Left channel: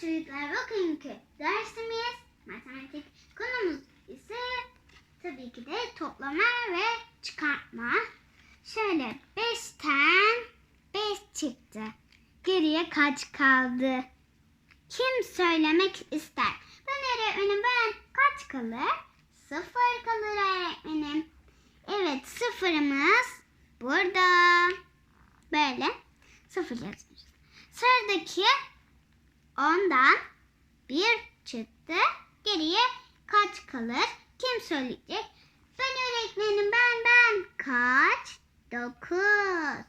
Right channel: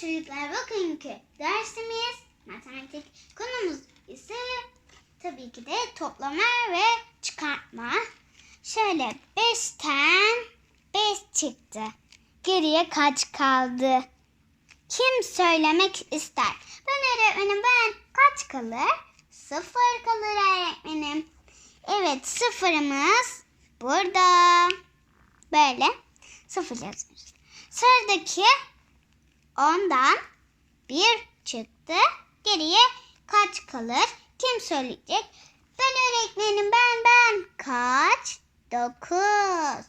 çocuklar bugünkü dersimiz matematik konumuz ise tabii ki de toplama ve çıkartma. Şöyle 5'ten 5 çıktı. Geriye kaç kaldı? Kim söylemek ister? Ben öğretmenim ben kaç kalır? Sıfır kalır öğretmenim. Evet sıfırımız burada. Böyle sıfır yazıyoruz. Sıradaki ondan bir çıktı. Geriye kaç kalır? Kim söyleyecek? Ben öğretmenim ben ben. Kaç? Dokuz.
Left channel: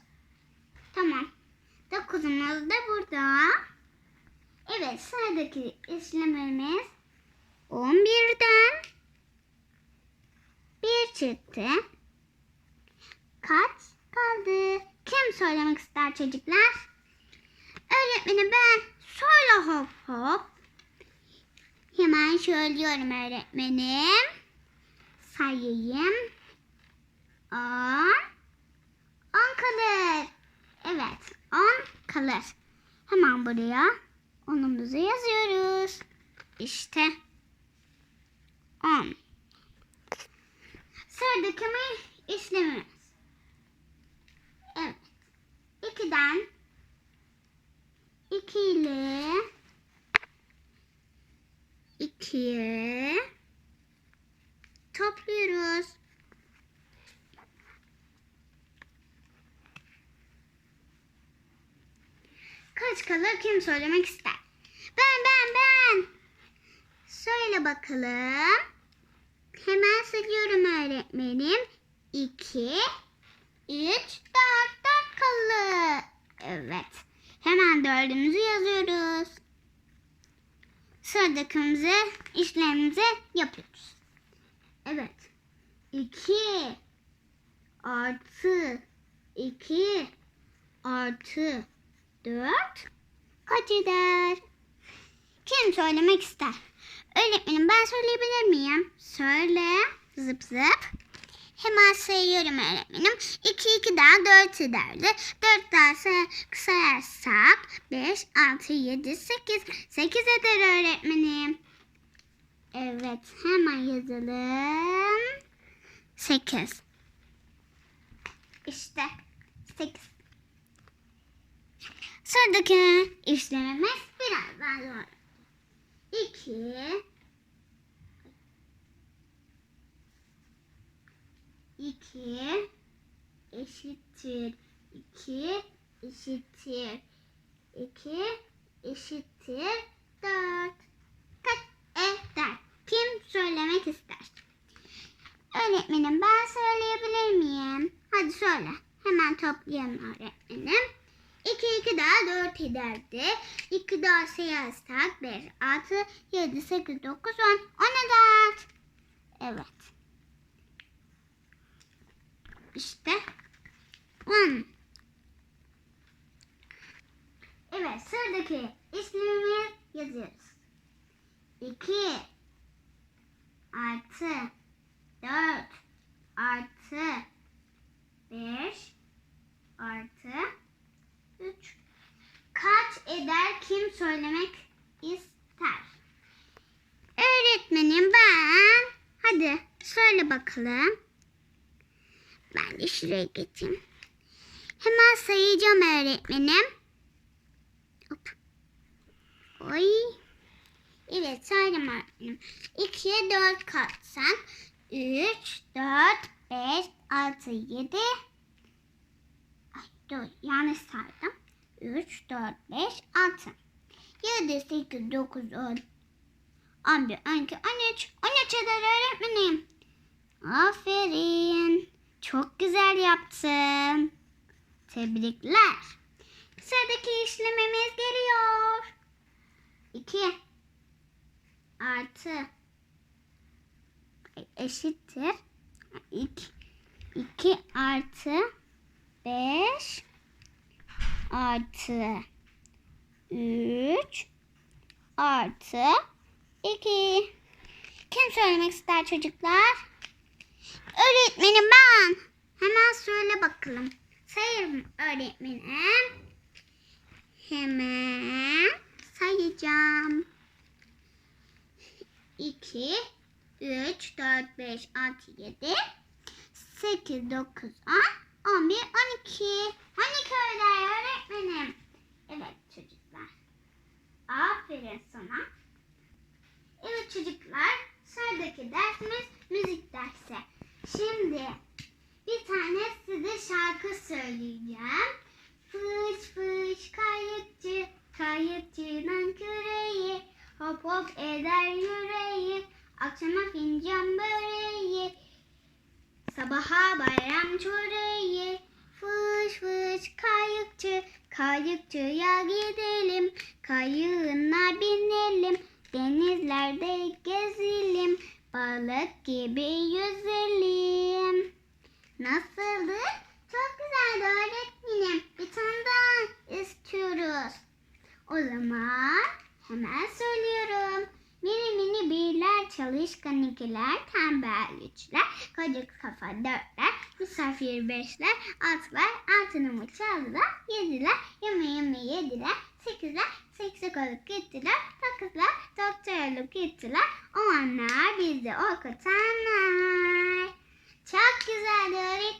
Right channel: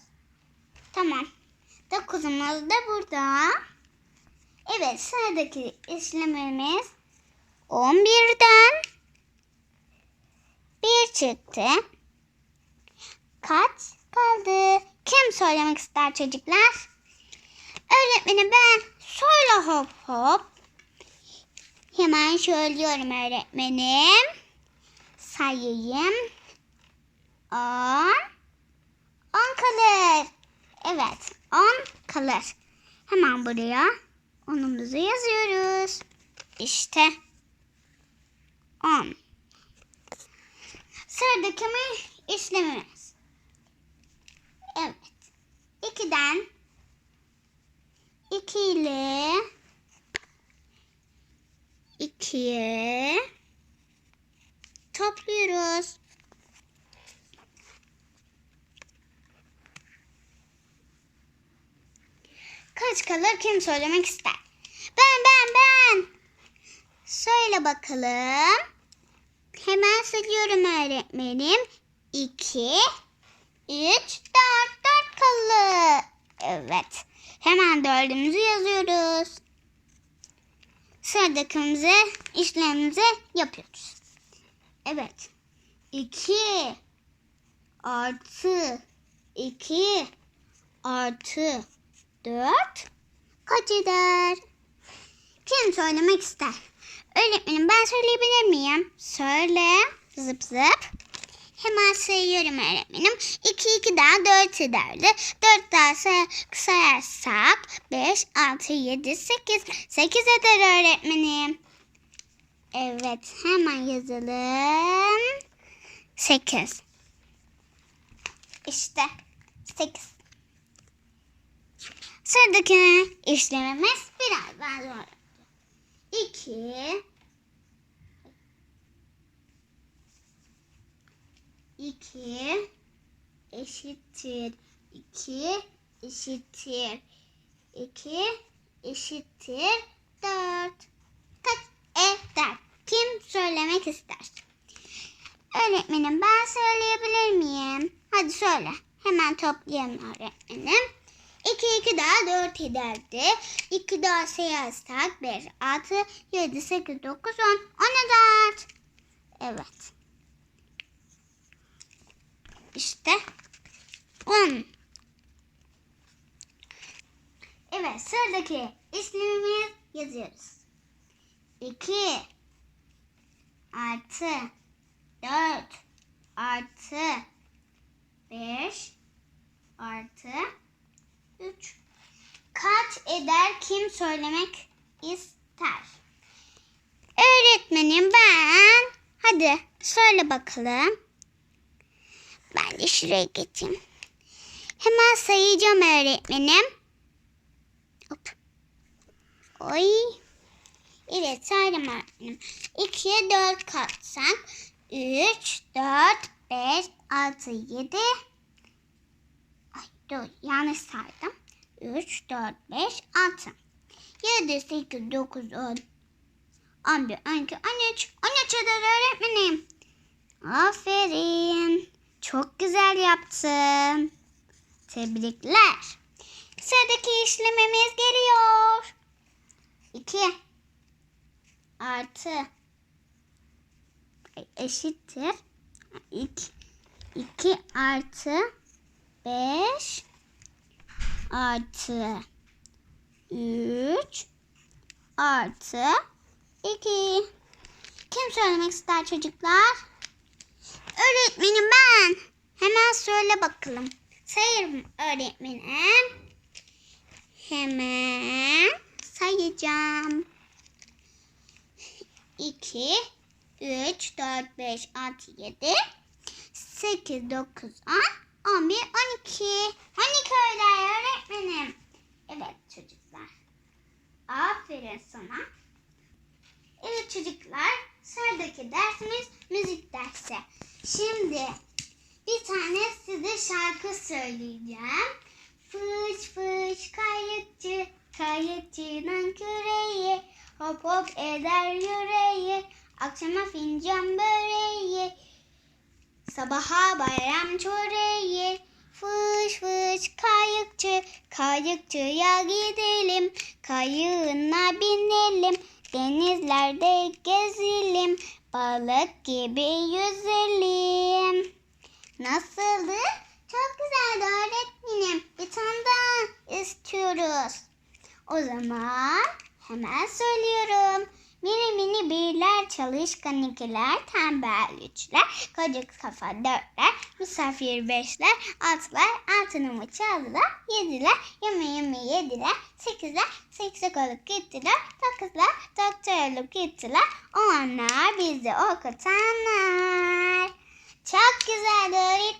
Tamam. Dokuzumuz da burada. Evet sıradaki işlemimiz 11'den bir çıktı. Kaç kaldı? Kim söylemek ister çocuklar? Öğretmenim ben söyle hop hop. Hemen söylüyorum öğretmenim. Sayayım. On. On kalır. Evet on kalır. Hemen buraya onumuzu yazıyoruz. İşte on. Sıradaki mi işlemimiz. Evet. 2'den 2 ile 2'ye topluyoruz. Kaç kalır kim söylemek ister? Ben ben ben. Söyle bakalım. Hemen söylüyorum öğretmenim. 2 3 4 4 kalır. Evet. Hemen dördümüzü yazıyoruz. Sıradakimize işlemimizi yapıyoruz. Evet. 2 artı 2 artı 4 kaç eder? Kim söylemek ister? Öğretmenim ben söyleyebilir miyim? Söyle. Zıp zıp. Hemen sayıyorum öğretmenim. 2 2 daha 4 ederdi. 4 daha say sayarsak 5, 6, 7, 8. 8 eder öğretmenim. Evet hemen yazalım. 8. İşte 8. Sıradaki işlemimiz biraz daha zor. 2 2 eşittir 2 eşittir 2 eşittir 4 kaç eder? Kim söylemek ister? Öğretmenim ben söyleyebilir miyim? Hadi söyle. Hemen toplayalım öğretmenim. 2 2 daha 4 ederdi. 2 daha sayarsak 5, 6, 7, 8, 9, 10. 10 eder. Evet. İşte 10. Evet sıradaki ismimizi yazıyoruz. 2 artı 4 artı 5 artı 3 kaç eder kim söylemek ister? Öğretmenim ben. Hadi söyle bakalım. Ben de şuraya geçeyim. Hemen sayacağım öğretmenim. Hop. Oy. Evet saydım öğretmenim. 2'ye 4 katsak 3, 4, 5, 6, 7. Ay dur yanlış saydım. 3, 4, 5, 6. 7, 8, 9, 10. 11, 12, 13. 13 eder öğretmenim. Aferin. Çok güzel yaptın. Tebrikler. Sıradaki işlemimiz geliyor. 2 artı eşittir 2 2 artı 5 artı 3 artı 2 Kim söylemek ister çocuklar? Öğretmenim ben. Hemen söyle bakalım. Sayarım öğretmenim. Hemen sayacağım. 2, 3, 4, 5, 6, 7, 8, 9, 10, 11, 12. 12 öğlen öğretmenim. Evet çocuklar. Aferin sana. Evet çocuklar, sıradaki dersimiz müzik dersi. Şimdi bir tane size şarkı söyleyeceğim. Fış fış kayıkçı, kayıkçının küreği, hop hop eder yüreği, akşama fincan böreği, sabaha bayram çöreği. Fış fış kayıkçı, kayıkçıya gidelim, kayığına binelim, denizlerde gezelim, balık gibi yüzelim. Nasıldı? Çok güzeldi öğretmenim. Bir tane daha istiyoruz. O zaman hemen söylüyorum. Mini mini birler, çalışkan ikiler, tembel üçler, kocak kafa dörtler, misafir beşler, altılar, altını mı çaldılar, yediler, yemeğimi yediler, sekizler, seksek olup gittiler, dokuzlar, doktor olup gittiler, o anlar bizi okutanlar. Çok güzeldi öğretmenim.